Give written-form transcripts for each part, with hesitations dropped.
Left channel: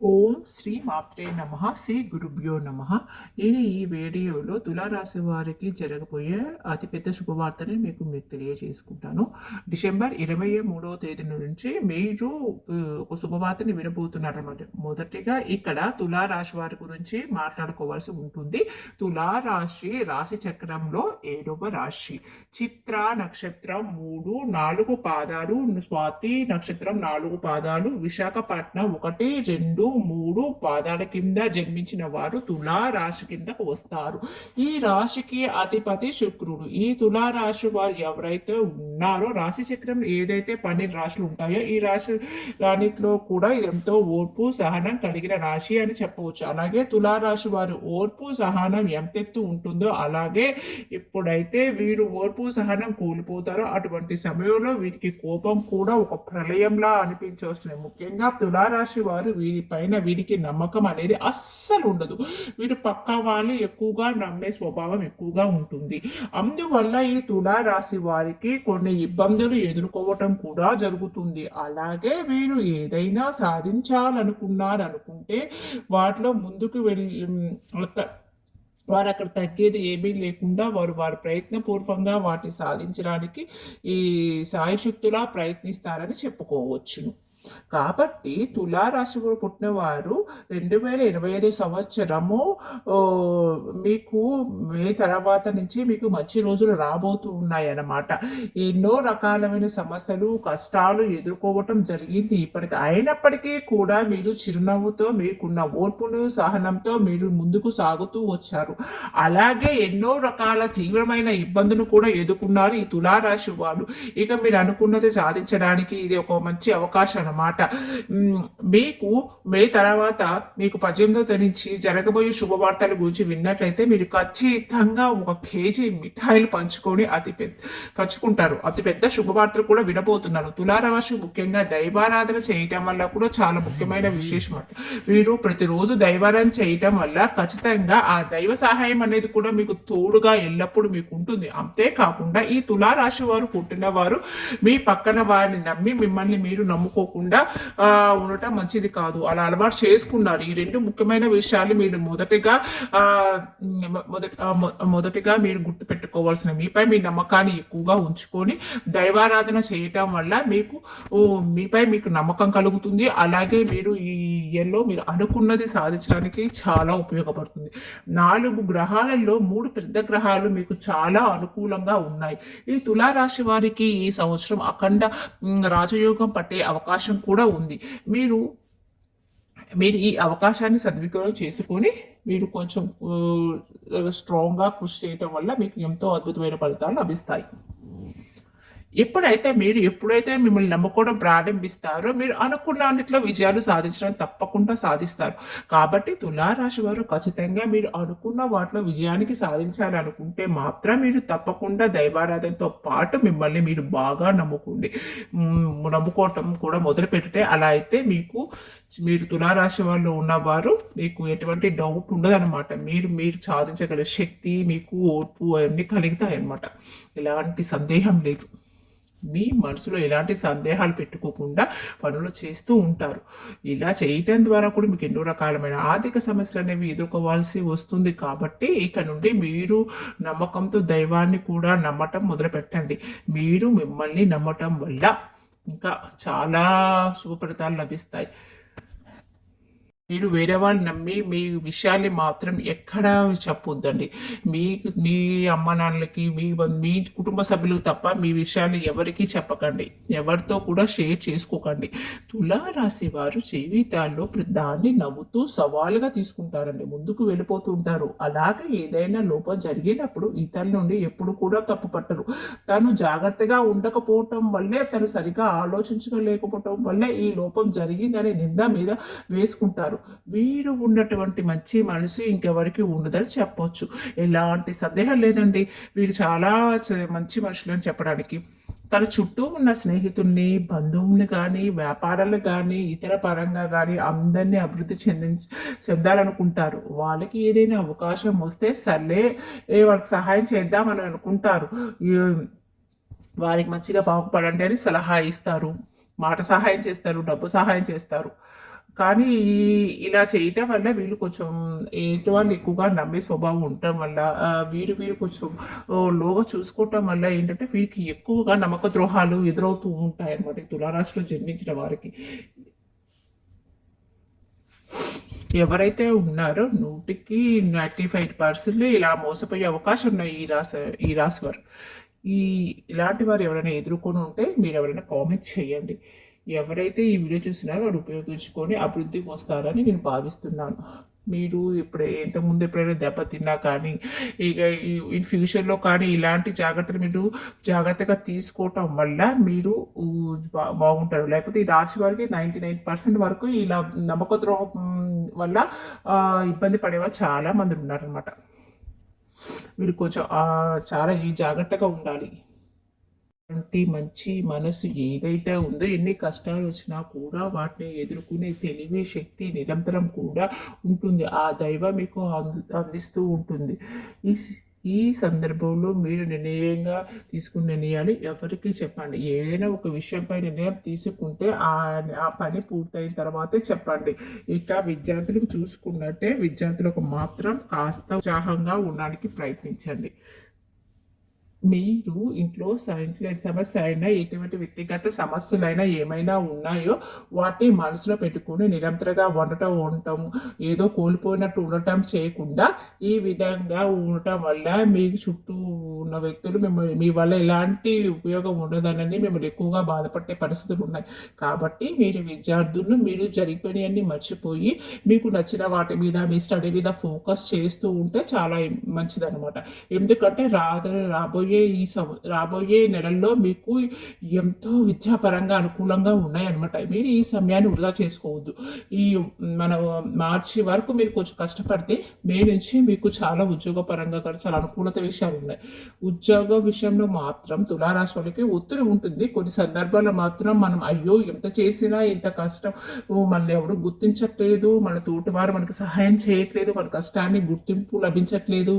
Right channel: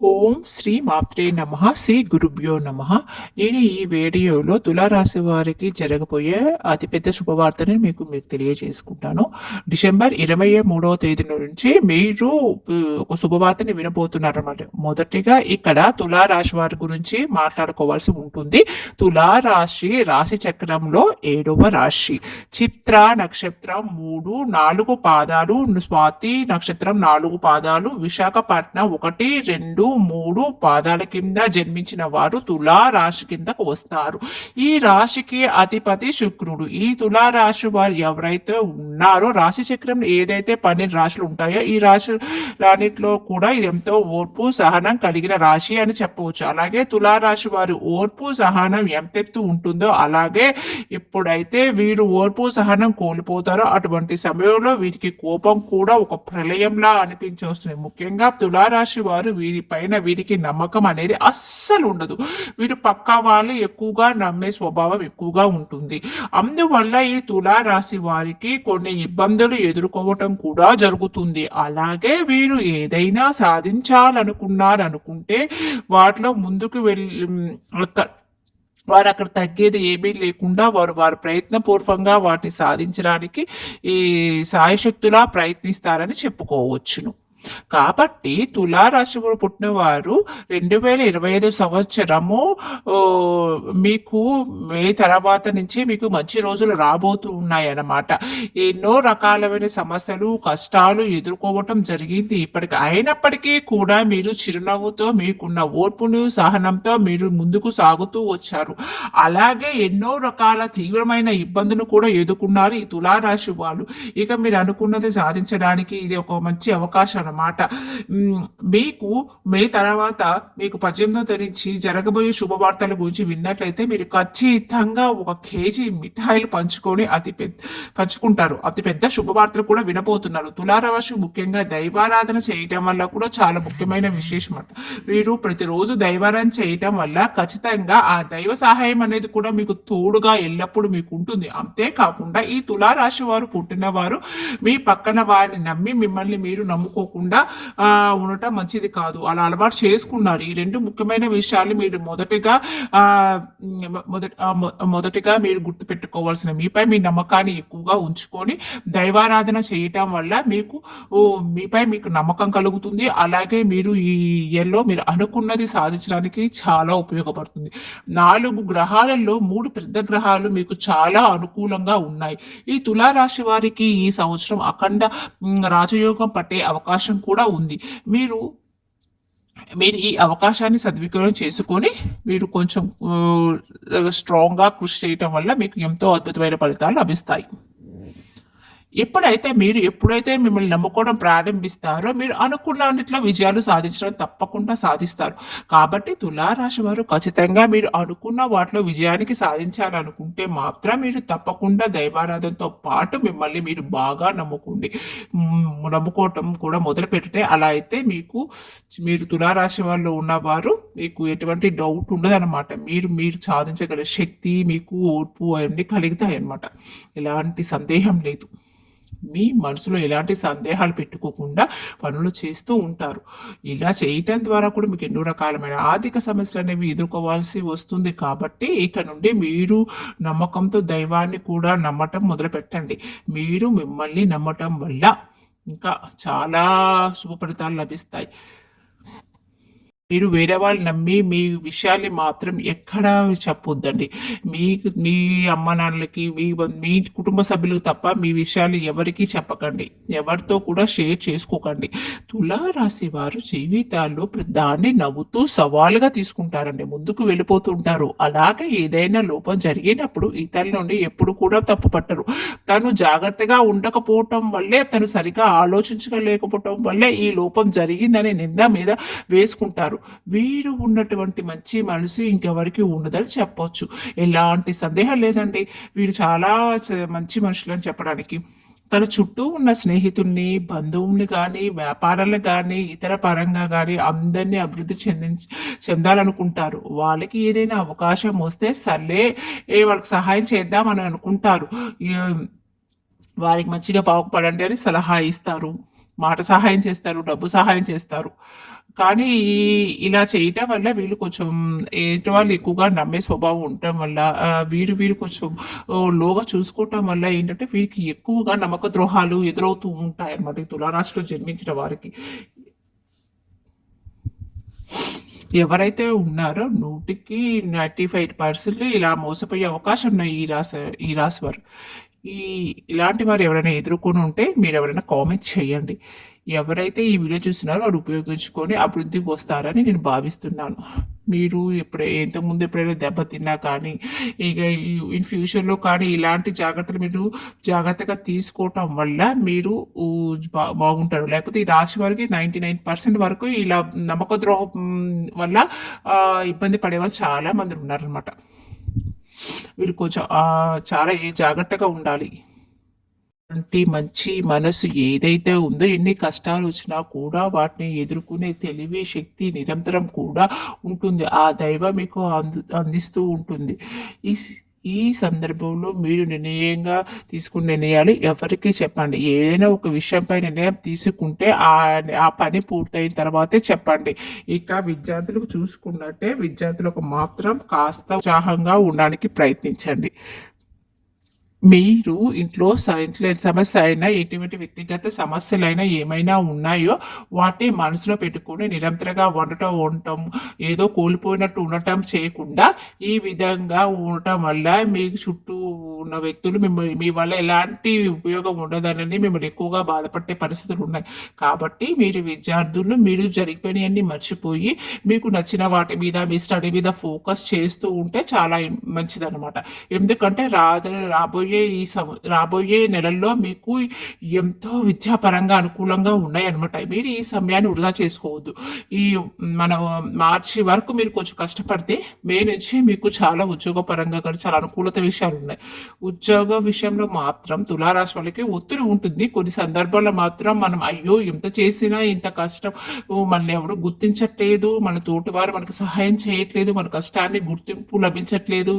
ఓం శ్రీ మాత్రే నమః శ్రీ గురుభ్యో నమః. నేను ఈ వీడియోలో తులారాశి వారికి జరగబోయే అతిపెద్ద శుభవార్తని మీకు తెలియజేసుకుంటాను. డిసెంబర్ 23వ తేదీ నుంచి మీరు ఒక శుభవార్తని వినబోతున్నారన్నమాట. మొదటిగా ఇక్కడ తులారాశి వారి గురించి మాట్లాడుకోవాల్సి ఉంటుంది. తులారాశి రాశి చక్రంలో 7వ రాశి. చిత్ర నక్షత్రం 3, 4 పాదాలు, స్వాతి నక్షత్రం 4 పాదాలు, విశాఖపట్నం 1, 2, 3 పాదాల కింద జన్మించిన వారు తులా రాశి కిందకు వస్తారు. ఈ రాశికి అధిపతి శుక్రుడు. ఈ తులా రాశి వారు ఎవరైతే ఉన్నారో రాశి చక్రంలో ఏదైతే 12 రాశులు ఉంటాయో ఈ రాశులన్నింటిలో కూడా ఇది ఎంతో ఓర్పు సహనం కలిగిన రాశి అని చెప్పవచ్చు. అలాగే తులా రాశి వారి ఓర్పు సహనం ఎంతెత్తు ఉంటుందో అలాగే ఎప్పుడైతే వీరు ఓర్పు సహనం కోల్పోతారో అటువంటి సమయంలో వీరికి కోపం కూడా ఒక ప్రళయంలా అనిపించొస్తుంది. ముఖ్యంగా తులారాశి వారు వీరిపైన వీరికి నమ్మకం అనేది అస్సలు ఉండదు. వీరు పక్కా వాళ్ళు ఎక్కువగా నమ్మే స్వభావం ఎక్కువగా ఉంటుంది. అందువల్ల ఈ తులారాశి వారికి కొన్ని ఇబ్బందులు ఎదుర్కోవటం కూడా జరుగుతుంది. అలాగే వీరు ఏదైనా సాధించాలనుకుంటే వాటిలో ముందుకు వెళ్ళి వారు అక్కడ తగ్గేది ఏమీ లేకుండా వారి ప్రయత్నపూర్వకంగా వాటిని సాధించడానికి ఈ సాయశక్తులా ప్రయత్నిస్తారని చెప్పుకోవచ్చును. కాబట్టి తులారాశిలో పుట్టిన వారు 2025 సంవత్సరము మీకు మే తర్వాత నుంచి మీకు మంచి రోజులు రాబోతూ ఉన్నాయన్నమాట. ఎన్నో రకాలైన సమస్యలు కష్టాలు ఎదుర్కోవటం జరిగింది ఇప్పటికి. అయినప్పటికీ కూడా మీరు చిరునవ్వుతో మీకున్న ఓర్పును సహనంతో మీరు ముందుకు సాగుతూ వచ్చారు. అలాగే ఎన్నో రకాల తీవ్రమైన ఇబ్బందులు కూడా ఎదుర్కొన్నారు ఈ తులారాశి వాళ్ళు. ఇక మీరు అనుకున్నది సాధించడానికి ఇది ఒక మంచి అవకాశం అన్నమాట. మీకు మే తర్వాత మీకు 18వ తరించి జరగబోయే శుభవార్తల గురించి విన్నట్లయితే మీరు ఖచ్చితంగా 1 కేజీ మిఠాయిలు పంచుకుంటారు. అతి పెద్ద శుభవార్తలు కూడా వినబోతున్నారు. తులారాశి ముఖ్యంగా దైవారాధన చేయటం వల్ల కూడా చాలా ముఖ్యమైన విశేషం అంట. మీరు ప్రతిరోజు దైవారాధన చేయటం వల్ల ఖచ్చితంగా ఆ దైవ సహాయం అనేది కూడా మీకు తోడుగా ఎల్లప్పుడూ మీకు ఉంటుంది. అంతేకాకుండా ఈ తులారాశి వారు పుట్టిన వారు మీ పక్కన వారిని నమ్మి మిమ్మల్ని మీరు నమ్ముకోకుండా ఉండటం మంచిది కాదు. అలా అలవాటు చేసుకున్నారు. ఈ 2 ముఖ్యమైన విషయాలు మీరు మొదటిగా మీరు గుర్తుపెట్టుకోవాల్సిన మీపై మీ నమ్మకాన్ని ఎక్కువగా ఉంచుకొని దైవారాధన చేయటం వల్ల మీపై మీకు నమ్మకం కలుగుతుంది. అలాగే మీరు ఈ ఇయర్లో మీరు అనుకున్నది సాధించడానికి చాలా ఉపయోగపడుతుంది. 4 గ్రహాలలో 3 పెద్ద గ్రహాలు మీకు చాలా అనుకూలంగా ఉన్నాయి. ఈ తులారాశి వారికి ఈ సంవత్సరం అఖండ రాజయోగం పట్టే అవకాశం కూడా ఉంది. మీరు ఈ అవకాశాన్ని సద్వినియోగం చేసుకొని మీరు కొంచెం స్ట్రాంగ్గా కృషి చేయటం వల్ల మీకు ఎంతో అద్భుతమైన ఫలితాలు లభిస్తాయి. ఎప్పుడైతే మిమ్మల్ని నమ్ముకోవడం ప్రారంభిస్తారో మీరు అనుకున్నట్లో విజయాలు సాధించడం తప్పకుండా సాధిస్తారు. కాబట్టి తులారాశి వారు ఖచ్చితంగా మీరు అనుకున్న వాటిలో విజయానికి సాధించాలనుకుంటే మాత్రం మీరు తప్పకుండా దైవారాధనతో పాటు మిమ్మల్ని మీరు బాగా నమ్ముకోవటం కూడా మొదలు పెట్టే. అలా అయితే మీరు తులారాశి వాళ్ళు ఉన్నవారు మీకు ఎటువంటి డౌట్ ఉండదన్నమాట. మీరు సాధించగల శక్తి మీకు ఓర్పు అవన్నీ కలుగుతాయి అన్నమాట. ఎలాంటి సందేహం లేదు. మీ మనసులో ఎలాంటి సందేహాలు పెట్టుకోకుండా పనులు చేస్తూ ఉంటారు. ఇలా చేయటం ద్వారా కూడా మీకు ఎన్నో రకాలమైన ఆర్థిక సమస్యలు అనేవి ఎదుర్కోవాల్సి వస్తుంది. కాబట్టి ఇక నుండి మీరు నమ్మకంతో దైవాన్ని కూడా నమ్మటం మొదలు పెట్టండి. మీరు మిమ్మల్ని నమ్మటం వల్ల ఇంకా చాలా శుభ ఫలితాలు లభిస్తాయి. మీరు వేరే వాళ్ళు నమ్మి మీ విషయాన్ని మాత్రం ఎక్కడ చెప్పొద్దండి. మీ అమ్మ నాన్నలకి మీ కుటుంబ సభ్యులకు తప్ప మీ విషయాన్ని ఎవరికి చెప్పకండి. ఎవరితో కూడా షేర్ చేసుకోకండి. తులారాశి వారు జీవితాల్లో దాన్ని నవ్వుతూ సవాలుగా తీసుకుంటారండి. ముందుకు వెళ్ళిపోతుంటారు. అలాగే ఏదైనా లోపం జరిగినప్పుడు ఇతరుల నుండి ఎప్పుడు కూడా తప్పు పట్టరు. తను జాగ్రత్తగా ఉండకపోవటం వల్లే తను సరిగా ఆలోచించలేకపోవటం వల్లే ఈ లోపం జరిగిందని నింద మీద వేసుకుంటారు. వీరు ఉన్నటువంటి మంచి మనసు ఇంకెవరికి ఉండదని చెప్పొచ్చు. ఎలాంటి సందేహం లేదండి. వీరు చాలా మంచి మనుషులని చెప్పడానికి. తన చుట్టూ ఉన్న స్నేహితుల్ని బంధువుల్ని కానీ వ్యాపారాలు కానీ ఇతర పరంగా కానీ అందరినీ అభివృద్ధి చెందాలనుకుంటారు. వాళ్ళకి ఏదైనా అవకాశం వస్తే సర్లే వాళ్ళకి సహాయం చేద్దామని అనుకుంటారు. వారికి మంచిగా బాగుపడండి అని సలహా ఇస్తారు. మాట సహాయం చేస్తారు, డబ్బు సహాయం చేస్తారు. కానీ ఇలా చేయటం వల్ల వీళ్ళు కొంచెం ఎదుటి వాళ్ళు ఎక్కువగా నమ్మే స్వభావం ఉండటం వల్ల వీరు కొంచెం లోగా చూసుకోవటం వల్ల ఏంటంటే వీరికి ఎక్కువగా నమ్మక ద్రోహాలు ఎదురవుతూ ఉంటాయి అన్నమాట ఈ తులారాశిలో జన్మించిన వారికి. ఎవరైతే ఉన్నారో 100కి 95% ఇలా మోసపోయే అవకాశం ఉన్నాయి ఈ రాశి వారు. ఈ ఇలాంటి వారు ఎవరైనా ఎదుర్కొని ఉంటే మీరు ఎవరైనా కామెంట్ చేయండి. ఎవరైతే ఈ వీడియో చూస్తున్నారో వాళ్ళు ఉపయోగించుకొని అభివృద్ధికి వస్తారని నేను భావిస్తున్నాను. మీరు ఇంతకుముందు ఎప్పుడైనా దెబ్బతిన్నా కానీ ఇక ఇన్ ఫ్యూచర్లో కానీ ఇలాంటి జాగ్రత్తలు మీరు జాగ్రత్తగా తీసుకోవటం వల్ల మీరు బాగుంటారు. లేకపోతే ఈ రాశి వారికి 99% వరకు ఇలా నమ్మక ద్రోహం వల్ల ఇబ్బంది పడేవాళ్ళు చాలా మంది ఉన్నారనమాట. వీళ్ళు కొంచెం చాలా జాగ్రత్తగా ఉండాలి. మంచి మనసు ఏదైతే ఉందో ఎన్ని కష్టాలు వచ్చినా కూడా వాటిని ఎదుర్కొనే తెలివి శక్తి నిరంతరం కూడా ఉంటుంది. ఆ దైవం మీకు అందిస్తూ ఉంటుంది. ఈ ఈ సందర్భంలో మీరు నిర్ణయంగా తీసుకున్న నిర్ణయాలు ఎవరికి చెప్పండి. ఏదైనా ఒక విషయంపై నిర్ణయం తీసుకుంటే ఆ పని పూర్తయిన తర్వాతే చెప్పండి. ఇక విద్యార్థులకు చూసుకున్నట్టే విద్యార్థులకు మాత్రం కాస్త ఉత్సాహంగా ఉండడానికి ప్రయత్నించండి. మీరు ఇంట్లో సమస్య అయినా ఎటువంటి వ్యక్తిగత సమస్యలైనా ఏమైనా ఉన్నాయో వాటిని మనసులో పెట్టుకొని నిరంతరంగా ఉండటం ఏదో కోల్పోయినట్టు ఉండటం చేయకుండా ఈ విధంగా ఉండటం వల్ల మీకు చుట్టూ ఉన్న వ్యక్తులు మీ వల్ల ఎలాంటి ఉపయోగం ఉండదనని మిమ్మల్ని ఎక్కువగా బాధపడే పరిస్థితులు ఉన్నాయి. కాబట్టి మీరు విద్యార్థులు మీరు జరిగిపోయినవన్నీ మర్చిపోయి మీకు నచ్చిన వాటి మీద మీ స్టడీ మీద ఫోకస్ చేస్తూ ఉంటే చాలా మంచిదన్నమాట. ఎందుకంటే రాబోయే నెలల్లో మీకు ఎంతో విద్యాపరంగా అనుకూలంగా ఉన్నాయన్నమాట. మీరు ఈ సమయాన్ని వృధా చేసుకోవద్దు. మన మార్చి వరకు మీరు కొంచెం కష్టపడితే మే నుంచి మీకు చాలా ఉద్యోగపరంగా కూడా చాలా అనుకూలత విషయాలు ఉన్నాయి. ఉద్యోగ విషయంలో మాత్రం తులారాశి వాళ్ళకి ఒత్తిడి ఉంటుంది. కొన్ని సందర్భాల్లో మాత్రం మనం అయ్యో ఎంత చేసినా ఇంత కష్టం మనల్ని ఎవరు గుర్తించట్లేదు, మన తోటి వారు మనకు సహాయం చేయట్లేదు, మన కష్టాన్ని గుర్తింపు లభించట్లేదు,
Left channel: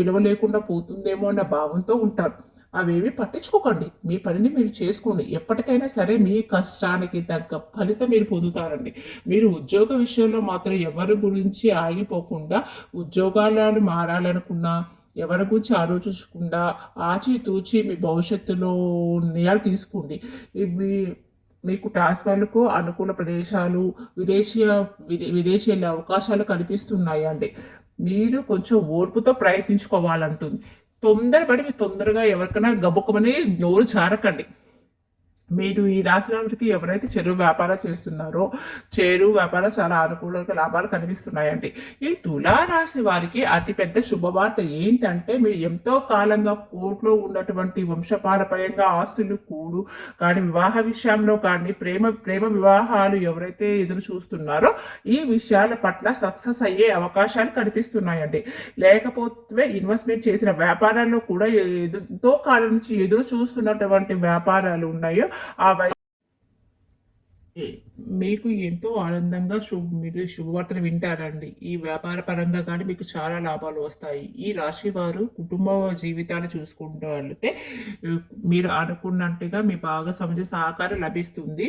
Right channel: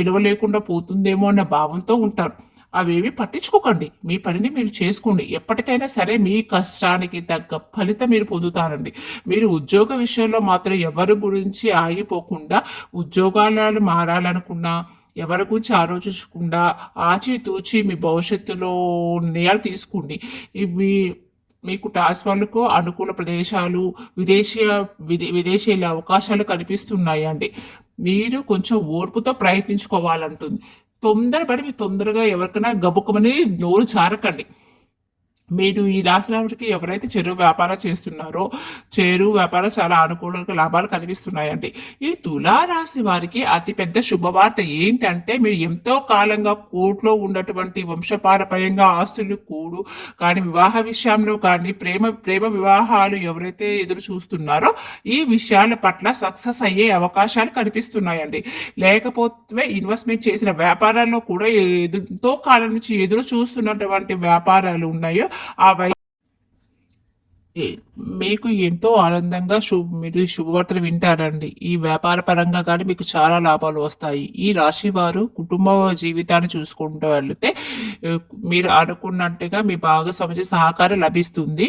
విలువ లేకుండా పోతుందేమో అన్న భావంతో ఉంటారు. అవేవి పట్టించుకోకండి. మీ పనిని మీరు చేసుకోండి. ఎప్పటికైనా సరే మీ కష్టానికి తగ్గ ఫలితం మీరు పొందుతారండి. మీరు ఉద్యోగ విషయంలో మాత్రం ఎవరి గురించి ఆగిపోకుండా ఉద్యోగాలను మారాలనుకున్నా ఎవరి గురించి ఆలోచించకుండా ఆచితూచి మీ భవిష్యత్తులో నిర్ణయాలు తీసుకోండి. ఇవి మీకు టాస్క్ వాళ్ళకు అనుకూల ప్రదేశాలు విదేశీయుల అవకాశాలు కనిపిస్తున్నాయండి. మీరు కొంచెం ఓర్పుతో ప్రయత్నించుకోవాలంటుంది. తొందరపడి మీరు తొందరగా ఎవరికైనా గబుక్కమని నోరు జారకండి. మీరు ఈ రాశి వారికి ఎవరైతే చెరువు వ్యాపారం చేస్తున్నారో చెరువు వ్యాపారం చాలా అనుకూలంగా లాభాలు కనిపిస్తున్నాయండి. ఈ తులారాశి వారికి అతిపెద్ద శుభవార్త ఏంటంటే మీరు ఎంతో కాలంగా కోర్టులో ఉన్నటువంటి వంశపారపర్యంగా ఆస్తులు కూడు కానీ వివాహ విషయంలో కానీ ప్రేమ వివాహాలు ఎవరైతే ఎదురు చూస్తున్నారో ఈ విషయాల పట్ల సక్సెస్ అయ్యే అవకాశాలు కనిపిస్తున్నాయండి. లేకపోతే ఇన్వెస్ట్మెంట్ చేసిన వ్యాపారాల్లో కూడా ఎంతో కాలం నుంచి ఎదురు చూస్తున్నటువంటి వ్యాపారాలు ఉన్నాయో మీకు ఎంతో ఆనందంగా మీరు శుభవార్తలు వింటారండి. ఈ వ్యాపార పరంగా కానీ మీకు చాలా లాభాలు వస్తాయి. ఈ రాశి వారు కుటుంబ జీవితాన్ని చూసుకుంటూ వెళ్తే మీరు అనుకున్నట్టుగా మీ భాగస్వామి సహకారం లభిస్తుంది.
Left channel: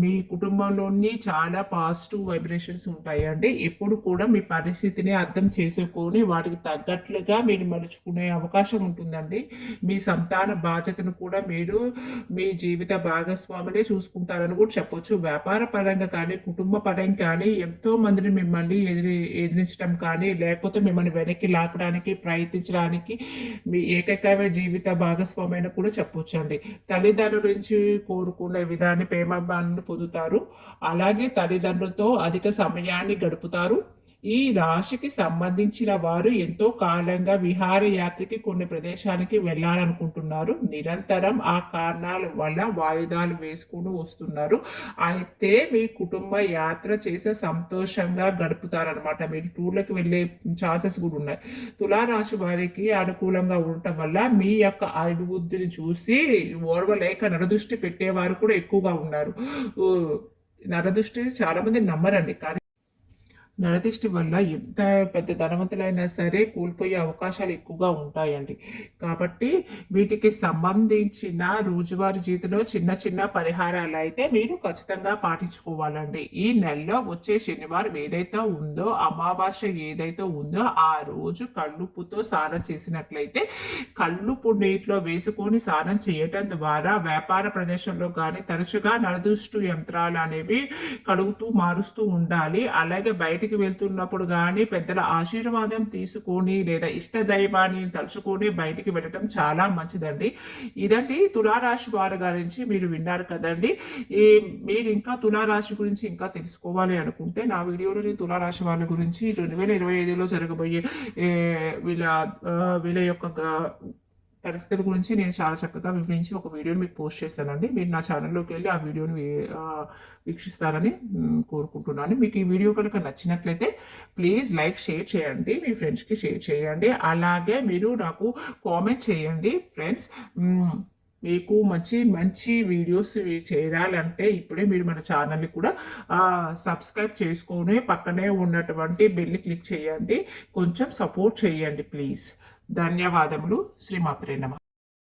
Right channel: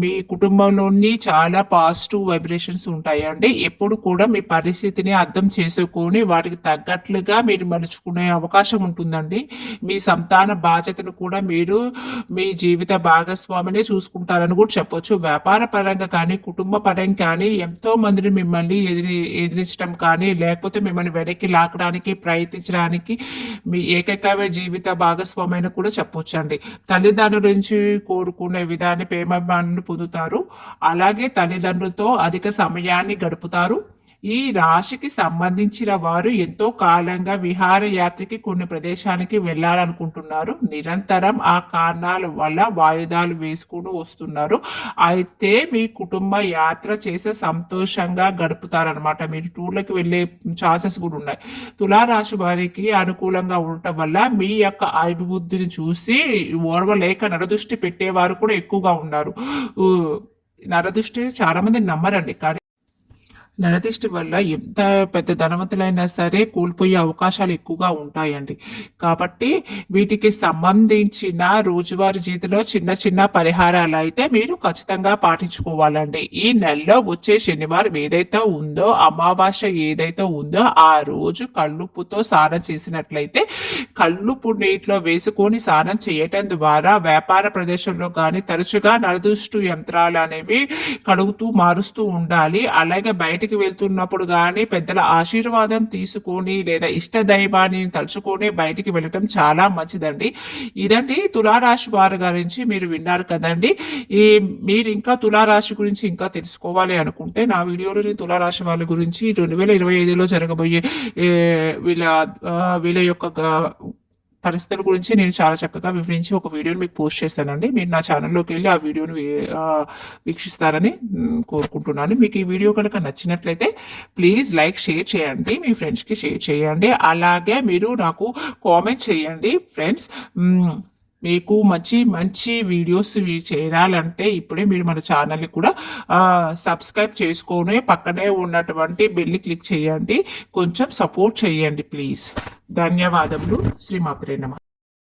మీ కుటుంబంలోని చాలా పాజిటివ్ వైబ్రేషన్స్ ఉంటాయండి. ఎప్పుడు కూడా మీ పరిస్థితిని అర్థం చేసుకొని వాటికి తగ్గట్లుగా మీరు మలుచుకునే అవకాశం ఉంటుందండి. మీ సంతాన బాధ్యతను కూడా మీరు మీ జీవిత భాగస్వామిని చూసుకుంటారని కూడా చెప్పొచ్చు. వ్యాపార పరంగా కానీ కుటుంబ పరంగా కానీ ఎంతో మందిని మిమ్మల్ని ఎదిరించడం కానీ లేకపోతే మిమ్మల్ని వెనక్కి లాక్కడానికి ప్రయత్నించడానికి మీ ఏకైక జీవిత భాగస్వామిని కూడా చెప్పొచ్చు అండి. తల్లిదండ్రుల నుంచి కోరుకునే విధాన్ని ప్రేమ పొందుతారు. అలాగే తల్లిదండ్రులతో అధిక సమయాన్ని గడుపుతారు. ఈ రాశికి సంబంధించిన వారు ఎంతో కాలంగా విహారయాత్రకి కొన్ని ప్రదేశానికి వెళ్ళాలనుకుంటున్నారు. నిరంతరం ఆ కారణాల వల్ల వాయిదాలు వేసుకుని వస్తున్నారు. అయితే మీ కుటుంబ యాత్ర చేసే సంతోషంగా గడుపుతారనమాట. మీరు టూర్లకు వెళ్ళే ఛాన్సెస్ కూడా ఉన్నాయి. తులారాశి వారికి అనుకూలంగా ఉండటం వల్ల మీ యొక్క అభివృద్ధిని చూసి ఓర్వలేక నరదృష్టి పెట్టేవారు కూడా ఎక్కువగా ఉన్నారు. నరదృష్టి చాలా మంది నమ్మరండి కానీ నరదిష్టి వల్ల ఎంత పెద్ద ధనవంతులైనా సరే కోల్పోయే అవకాశాలు ఎక్కువగా ఉంటాయండి. కాబట్టి వీటికి సంబంధించిన రోజువారీ జీవితంలో చిన్న చిన్న పరిహారాలైతే మీరు ఖచ్చితంగా పాటించుకోవాలండి. ఈ నెలలో వచ్చే శనివారం ఏదైతే ఉందో, అమావాస్య ఏదైతే ఉందో ఆ రోజు కల్లుప్పుతో స్నానం చేసినట్లయితే కల్లుప్పు నీటిలో వేసుకొని స్నానం చేయటం ద్వారా వ్యాపార ప్రదేశంలో కానీ తరచుగా నరదృష్టి యంత్రాలు అనేవి కడుగుతూ మారుస్తూ ఉండాలి. అలాగే బయటికి వెళ్తున్నప్పుడు కానీ పెద్దల ఆశీర్వాదం తీసుకొని లేదా ఇష్ట దైవాన్ని తలుచుకొని బయటికి వెళ్ళటం చాలా మంచిదండి. ఇదండి తులారాశి వారి గురించి మీరు విన్నారు కదండి. మీరు ఇంకా తులారాశి గురించి ఇంకా తెలుసుకోవాలి అనుకుంటే నా వీడియోలో తులారాశి వాళ్ళ గురించి 2025లో జరగబోయే వీళ్ళ యొక్క పరిస్థితుల గురించి నేను చాలా చక్కగా వివరించి ఒక వీడియోని మీకు పోస్ట్ చేస్తానండి. మీరు నా ఛానల్లోకి వెళ్ళి ఆ వీడియోని వీక్షిస్తారని కోరుకుంటున్నాను. మీకు ఈ వీడియో కనుక నచ్చినట్లయితే ప్లీజ్ లైక్, షేర్ చేయండి, మీ ఫ్రెండ్స్కి షేర్ చేయండి. అలాగే మీరు నాకు కామెంట్ చేయండి ఫ్రెండ్స్. మీకు మంచి మంచి వీడియోస్ చేయాలంటే ఇప్పుడే మీరు మన ఛానల్ని కూడా సబ్స్క్రైబ్ చేసుకొని పక్కనే ఉన్నటువంటి బెల్ని క్లిక్ చేయండి. కొంచెం సపోర్ట్ చేయండి ప్లీజ్. ధన్యవాదములు. శ్రీమాత్రే నమః.